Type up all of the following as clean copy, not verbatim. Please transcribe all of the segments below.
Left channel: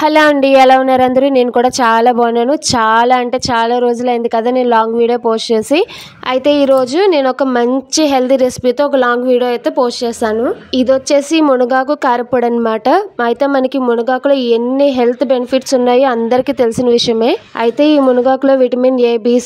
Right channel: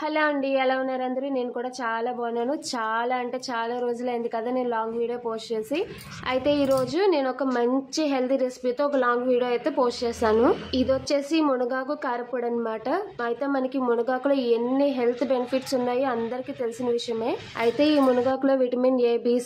Hello అండి, ఎలా ఉన్నారు అందరూ? నేను కూడా చాలా బాగున్నాను. చాలా అంటే చాలా రోజులైంది కదా నేను లాంగ్ వీడియో పోస్ట్ చేసి. అయితే ఈరోజు నేను ఒక మంచి హెల్తీ రెసిపీతో ఒక లాంగ్ వీడియో అయితే పోస్ట్ చేశాను. ఇది వచ్చేసి మునగాకు కారపొడి అనమాట. అయితే మనకి మునగాకులో ఎన్ని హెల్త్ బెనిఫిట్స్ ఉన్నాయో అందరికీ తెలిసిన విషయమే. అయితే ఈ మునగాకులో విటమిన్ ఏ, బి,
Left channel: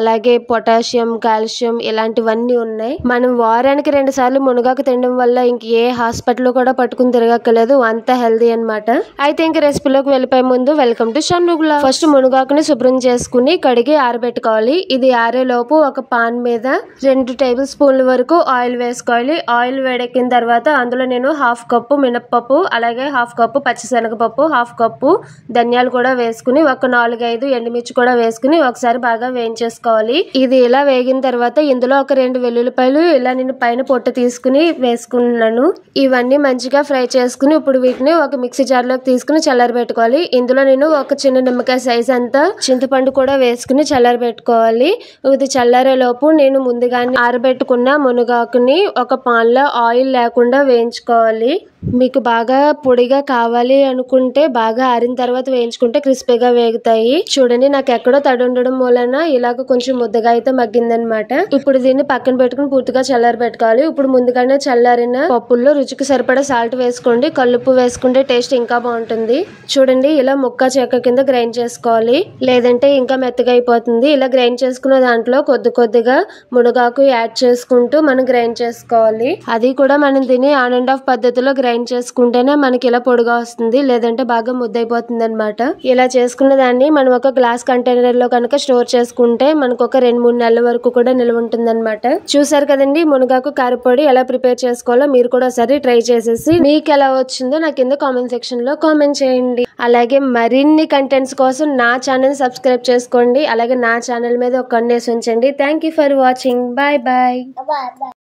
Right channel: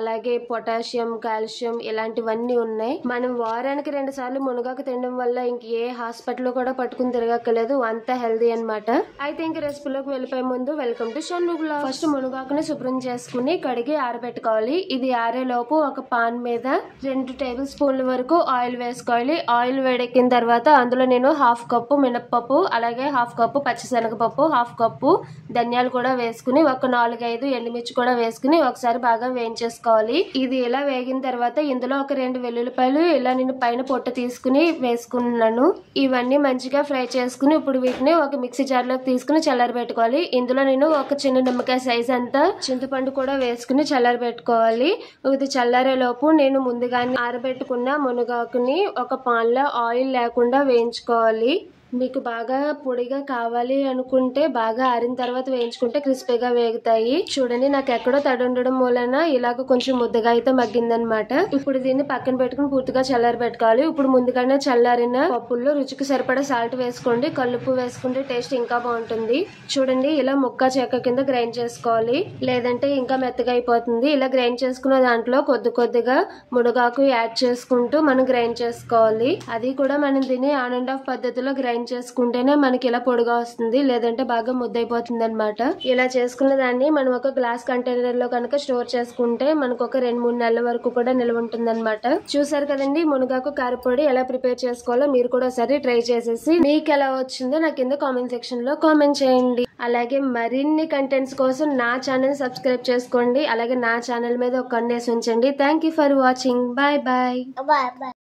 అలాగే పొటాషియం, కాల్షియం ఇలాంటివన్నీ ఉన్నాయి. మనం వారానికి 2 సార్లు మునగాకు తినడం వల్ల ఇంక ఏ హాస్పిటల్ కూడా పట్టుకుని తిరగక్కర్లేదు, అంత హెల్తీ అనమాట. అయితే ఇంక రెసిపీలోకి వెళ్ళిపోయే ముందు వెల్కమ్ టు షన్నుగుల. ఫస్ట్ మునగాకుని శుభ్రం చేసుకుని కడిగి ఆరబెట్టుకోవాలి. ఇది ఆరేలోపు ఒక పాన్ మీద 2 టేబుల్ స్పూన్ల వరకు ఆయిల్ వేసుకోవాలి. ఆయిల్ వేడెక్కిన తర్వాత అందులో నేను 1/2 కప్పు మినప్పప్పు, అలాగే 1/2 కప్పు పచ్చిశనగపప్పు, 1/2 కప్పు ధనియాలు కూడా వేసుకుని ఒక 4-5 ఎండుమిర్చి కూడా వేసుకుని ఒకసారి బాగా వేయించేసుకోవాలి. ఇది ఇలా వేగిన తర్వాత ఇందులో ఒక 2 వెల్లుల్లిపాయలు ఇలా నేను పైన పొట్టు తీసుకుని వేసుకున్నాను. ఇవన్నీ మంచిగా ఫ్రై చేసుకుని ఇప్పుడు వీటిని ఒక మిక్సీ జార్లోకి తీసుకుని చల్లారబెట్టుకోవాలి. ఇందులో నేను ఒక చిన్న నిమ్మకాయ సైజ్ అంతా చింతపండు కూడా వేసుకుని చల్లారబెట్టుకోవాలి. ఇది చల్లారే లోపు నేను ముందుగానే ఆరబెట్టుకున్న మునగాకుని ఒక పాన్ లో ఆయిల్ లేకుండా వేయించుకోవాలి. మీకు బాగా పొడిగా కావాలి అనుకుంటే బాగా ఆరిన తర్వాత వేయించుకుంటే క్రిస్పీగా వేగుతాయి. చూడండి, నాకు ఎక్కడో తడి ఉండడం మూలన ఇలాగ కొంచెం ముద్దగా అయితే మగ్గిందనమాట. ఇప్పుడు దీన్ని పక్కన పెట్టుకుని పూర్తిగా చల్లారబెట్టుకోవాలి. ఇప్పుడు ముందుగానే చల్లారిన పప్పుల్లో రుచికి సరిపడా సాల్ట్ వేసుకోండి. కల్లుప్పు వేసుకుంటే టేస్ట్ ఇంకా బాగుంటుంది. చూడండి, ఇలా ముక్క చెక్క కింద గ్రైండ్ చేసుకోవాలి, లేదంటే ఇంకా మెత్తగా అయిపోతుంది. ఇలా గ్రైండ్ చేసుకున్న దాంట్లో కొద్దిగా మునగాకు యాడ్ చేసుకుంటూ మనం గ్రైండ్ చేసుకోవాలి. అది కూడా మనం దీన్ని ఆన్ అండ్ ఆఫ్ పద్ధతిలో గ్రైండ్ చేసుకుంటేనే మనకి ఇలా పొడిగా వస్తుంది, లేదంటే బాగా ముద్దైపోతుంది అనమాట. ఇలా చేసుకున్న దాన్ని మనం ఒక గ్లాస్ కంటైనర్ లో కనుక స్టోర్ చేసుకుంటే మనకు ఒక 2-3 నెలల వరకు కూడా నిల్వ ఉంటుంది అనమాట. చూసారు కదండి, మునగాకు కారపొడి ఎలా ప్రిపేర్ చేసుకోవాలో మీరు కూడా ఒకసారి ట్రై చేసేసి మీకు ఎలా వచ్చిందో నాకు కింద కామెంట్ సెక్షన్ లో కామెంట్ చేయండి. అలాగే మరిన్ని కంటెంట్స్ కోసం నా ఛానల్ సబ్స్క్రైబ్ చేసుకోండి. అలాగే నా ఛానల్ మీద ఒక కన్నేసి ఉంచండి. Thank you for watching. Bye bye.